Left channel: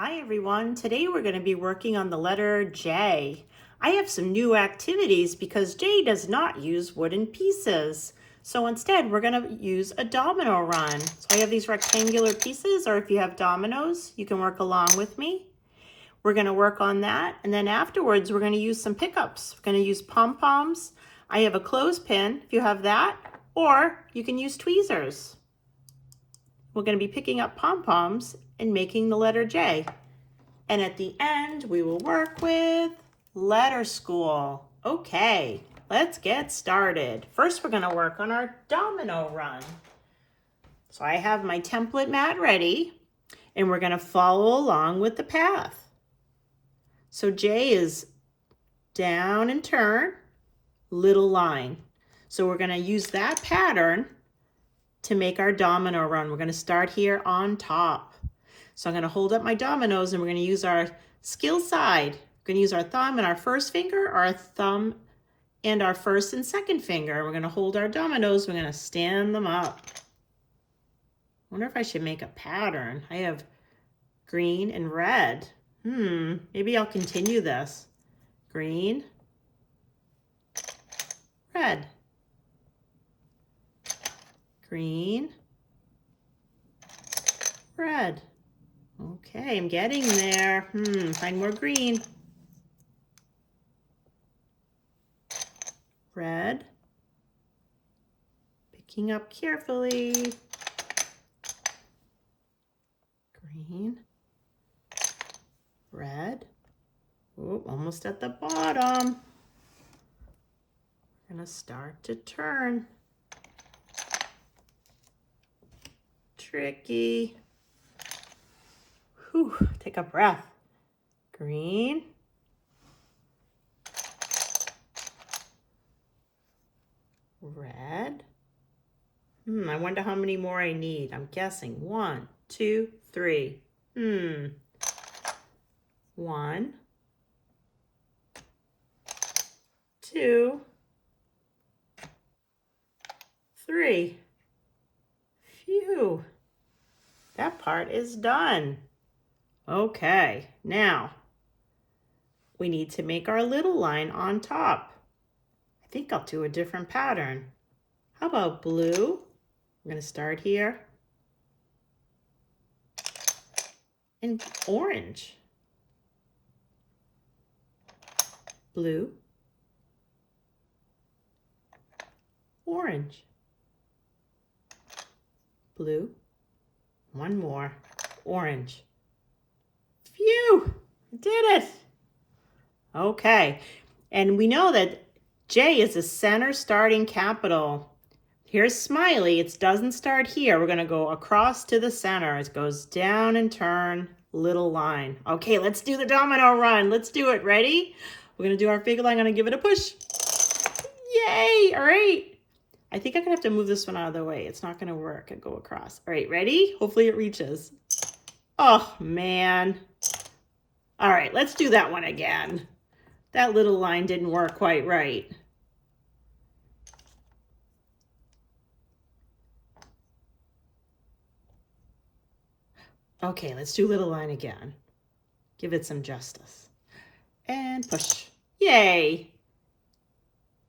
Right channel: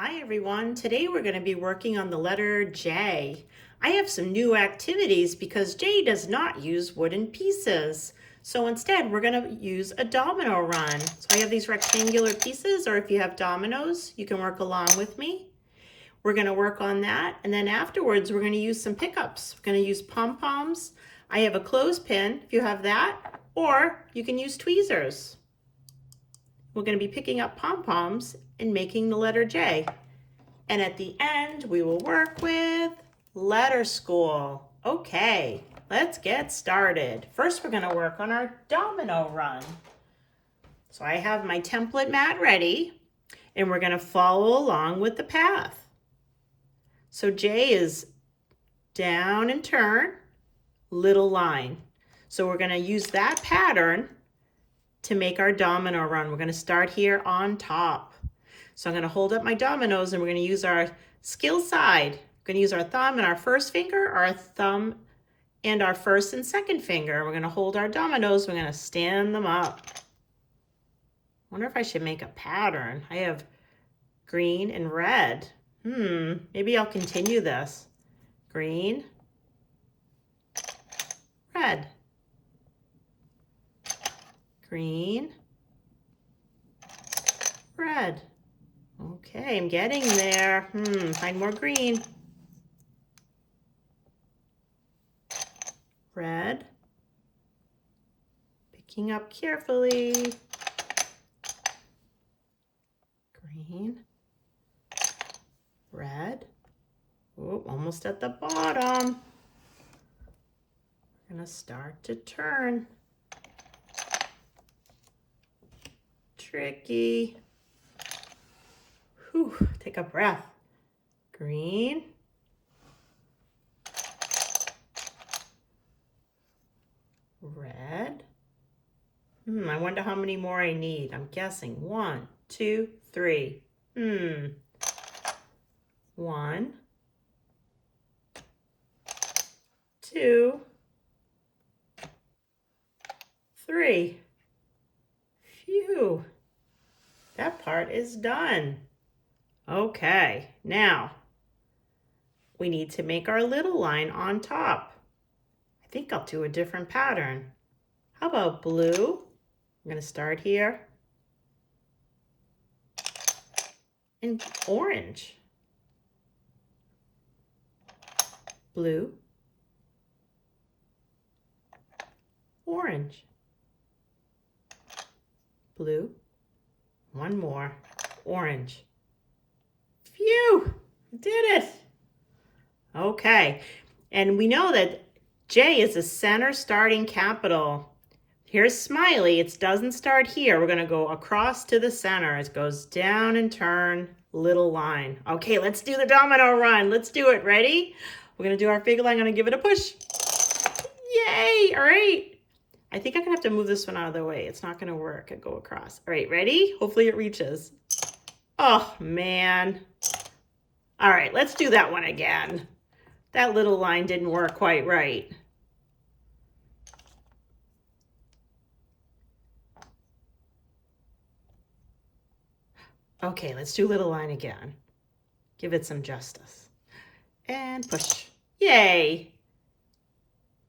Hi everyone, today we're going to be working on the letter J. I have some new activities because J does not use wooden pieces. So instead we're going to use a domino run. So I have these rectangular pieces, or if you have dominoes, you can work along with me. We're going to work on that, and then afterwards we're going to use some pickups. We're going to use pom-poms. I have a clothespin if you have that, or you can use tweezers. We're going to be picking up pom-poms and making the letter J. And at the end, we will work with letter school. Okay, let's get started. First, we're going to work on our domino run. So I have my template mat ready, and we're going to follow along with the path. So J is down and turn, little line. So we're going to use that pattern to make our domino run. We're going to start here on top. So I'm going to hold up my dominoes, and we're going to use our skill side. We're going to use our thumb and our first finger, our thumb and our first and second finger. We're going to hold our dominoes. We're going to stand them up. I wonder if I should make a pattern. I have green and red. Maybe I'll continue this. Green, red. Green, red. Okay, I'm getting there. Find more green. Red. Picking up carefully. Green. Red. Oh, almost at the bottom. We're gonna start to turn. Tricky. Whew, take a breath. Green. Red. I wonder how many more I need. I'm guessing 1, 2, 3. 1, 2, 3. Phew. That part is done. Okay, now we need to make our little line on top. I think I'll do a different pattern. How about blue? I'm going to start here. And orange. Blue. Orange. Blue. One more. Orange. Phew! I did it! Okay, and we know that J is a center starting capital. Here's smiley. It doesn't start here. We're going to go across to the center. It goes down and turn, little line. Okay, let's do the domino run. Let's do it. Ready? We're going to do our figure line. I'm going to give it a push. Yay! All right. I think I'm going to have to move this one out of the way. It's not going to work. I go across. All right, ready? Hopefully it reaches. Oh, man. All right, let's do that one again. That little line didn't work quite right. Okay, let's do little line again. Give it some justice. And push. Yay.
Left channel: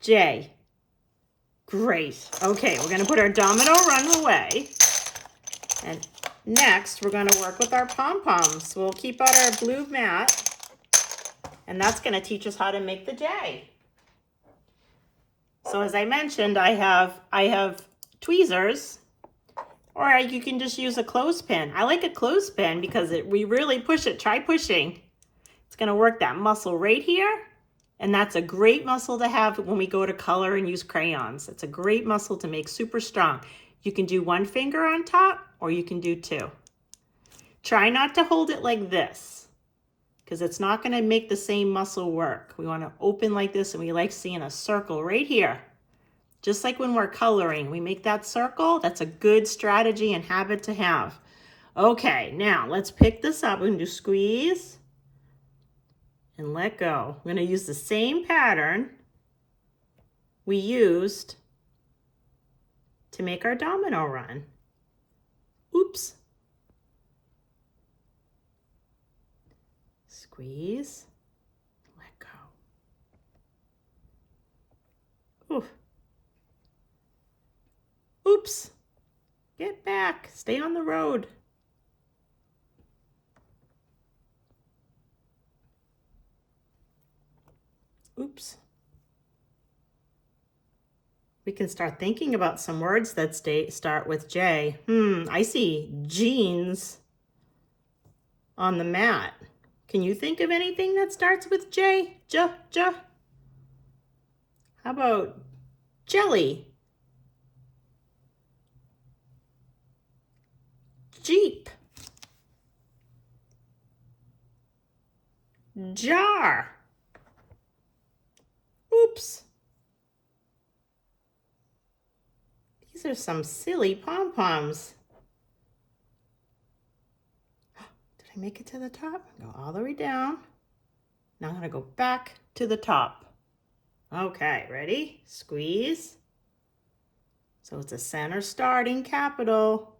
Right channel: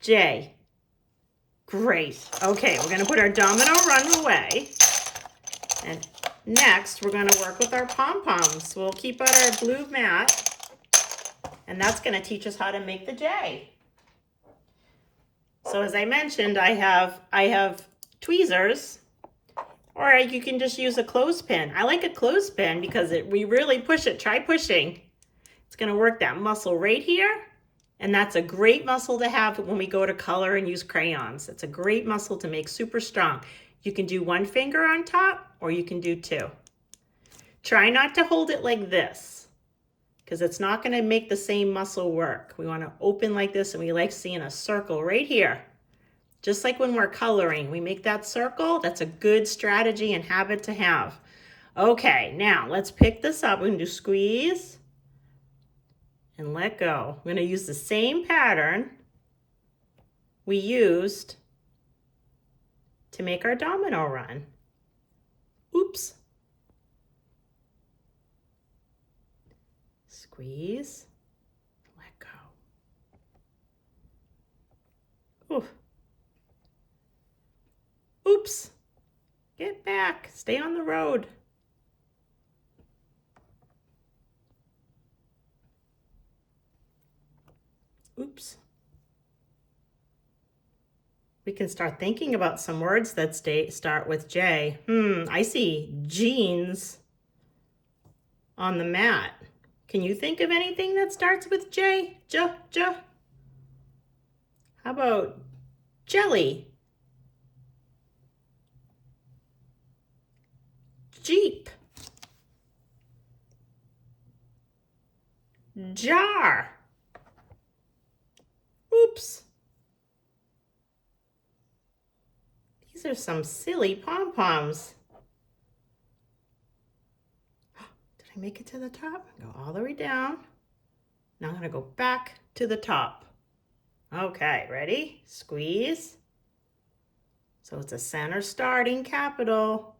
J. Great. Okay, we're going to put our domino run away. And next, we're going to work with our pom-poms. We'll keep out our blue mat. And that's going to teach us how to make the J. So as I mentioned, I have tweezers, or you can just use a clothespin. I like a clothespin because we really push it. Try pushing. It's going to work that muscle right here. And that's a great muscle to have when we go to color and use crayons. It's a great muscle to make super strong. You can do one finger on top, or you can do 2. Try not to hold it like this, because it's not going to make the same muscle work. We want to open like this, and we like seeing a circle right here. Just like when we're coloring, we make that circle. That's a good strategy and habit to have. Okay, now let's pick this up. We can do squeeze and let go. We're going to use the same pattern we used to make our domino run. Oops. Squeeze. Let go. Ooh. Oops. Get back. Stay on the road. Oops. We can start thinking about some words that start with J. I see jeans on the mat. Can you think of anything that starts with J? J. How about jelly? Jeep. Jar. Oops. These are some silly pom-poms. Did I make it to the top? Go all the way down. Now I'm going to go back to the top. Okay, ready? Squeeze. So it's a center starting capital.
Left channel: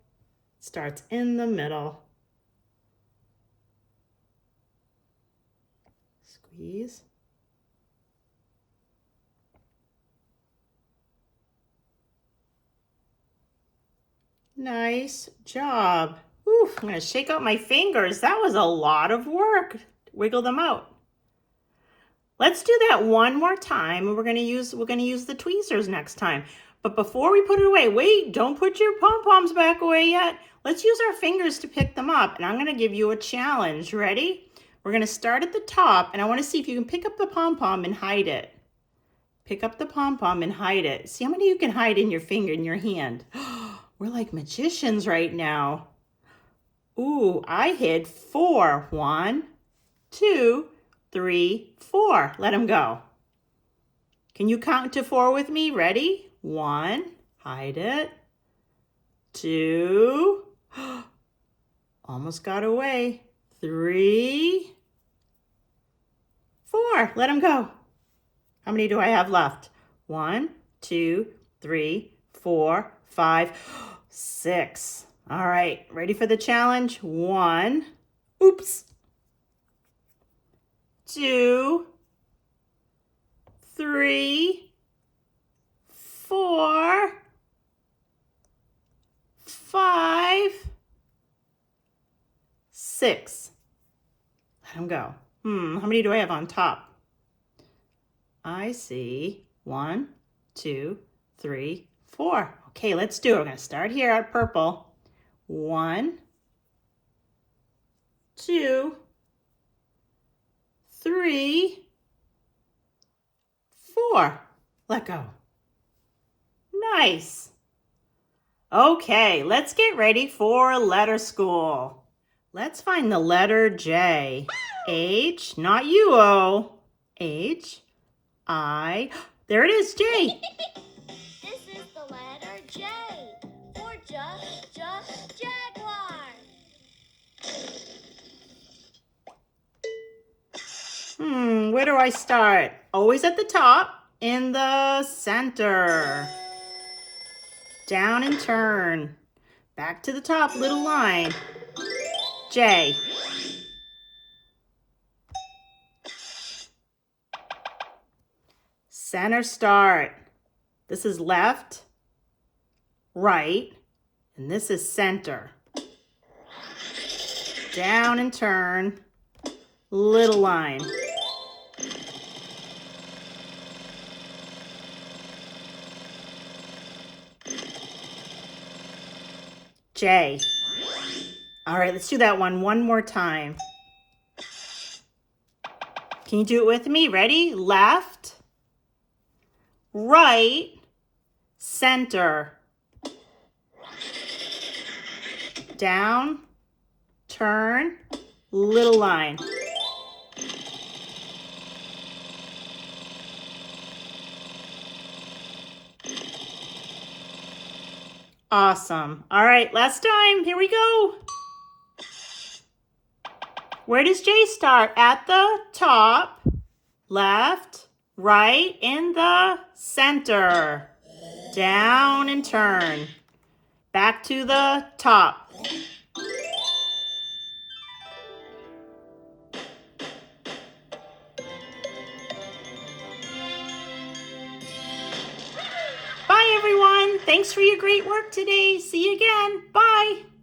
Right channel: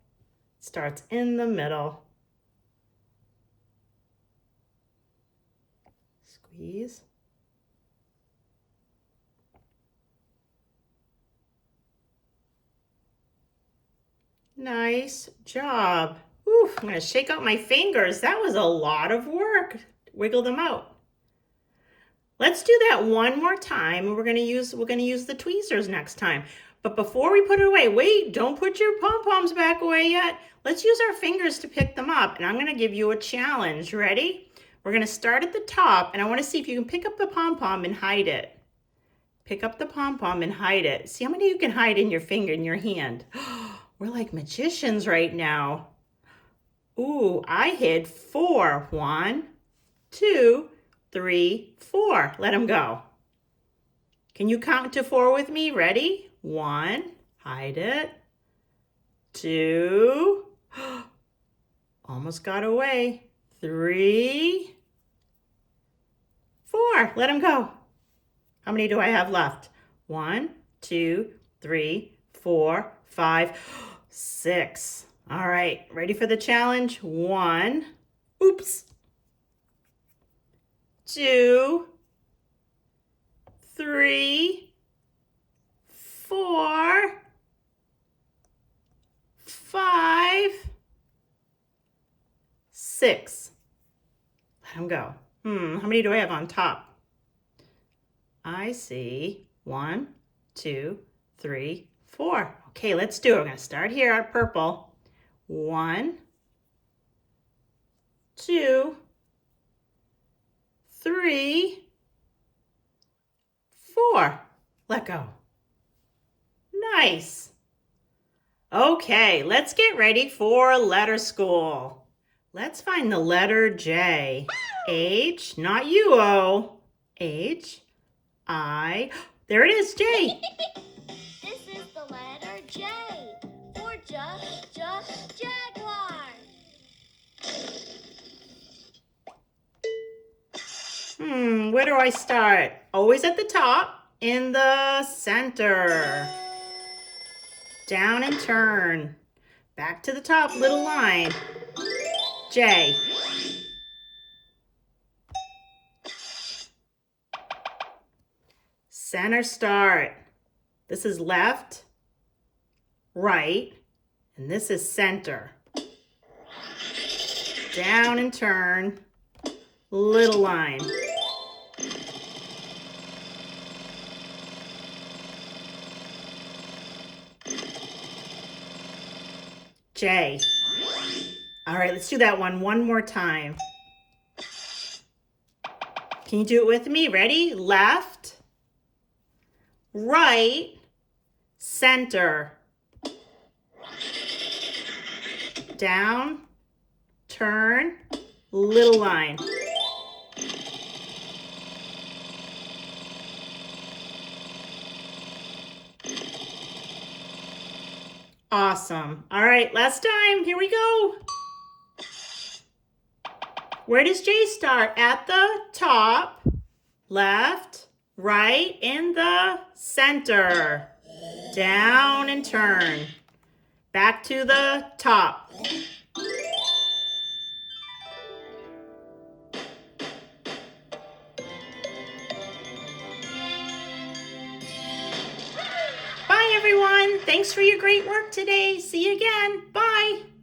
Starts in the middle. Squeeze. Nice job. Ooh, I'm going to shake out my fingers. That was a lot of work. Wiggle them out. Let's do that one more time. We're going to use the tweezers next time. But before we put it away, wait, don't put your pom-poms back away yet. Let's use our fingers to pick them up. And I'm going to give you a challenge. Ready? We're going to start at the top, and I want to see if you can pick up the pom-pom and hide it. Pick up the pom-pom and hide it. See how many you can hide in your finger, in your hand. We're like magicians right now. Ooh, I hid 4. 1, 2, 3, 4. Let them go. Can you count to 4 with me? Ready? 1, hide it. 2, almost got away. 3, 4. Let them go. How many do I have left? 1, 2, 3, 4, 5, 6. All right, ready for the challenge? 1, oops. 2, 3, 4, 5, 6. Let them go. How many do I have on top? I see 1, 2, 3, 4. Okay, let's do it. We're going to start here at purple. 1, 2, 3, 4. Let go. Nice. Okay, let's get ready for letter school. Let's find the letter J. H, not you, O. H, I. There it is, J. This is the letter J for jaguar. Where do I start? Always at the top, in the center. Down and turn. Back to the top, little line. J. Center start. This is left, right, and this is center. Down and turn, little line. J. All right, let's do that one more time. Can you do it with me? Ready? Left, right, center. Down, turn, little line. Awesome. All right, last time. Here we go. Where does J start? At the top, left, right, in the center. Down and turn. Back to the top. Thanks for your great work today. See you again. Bye.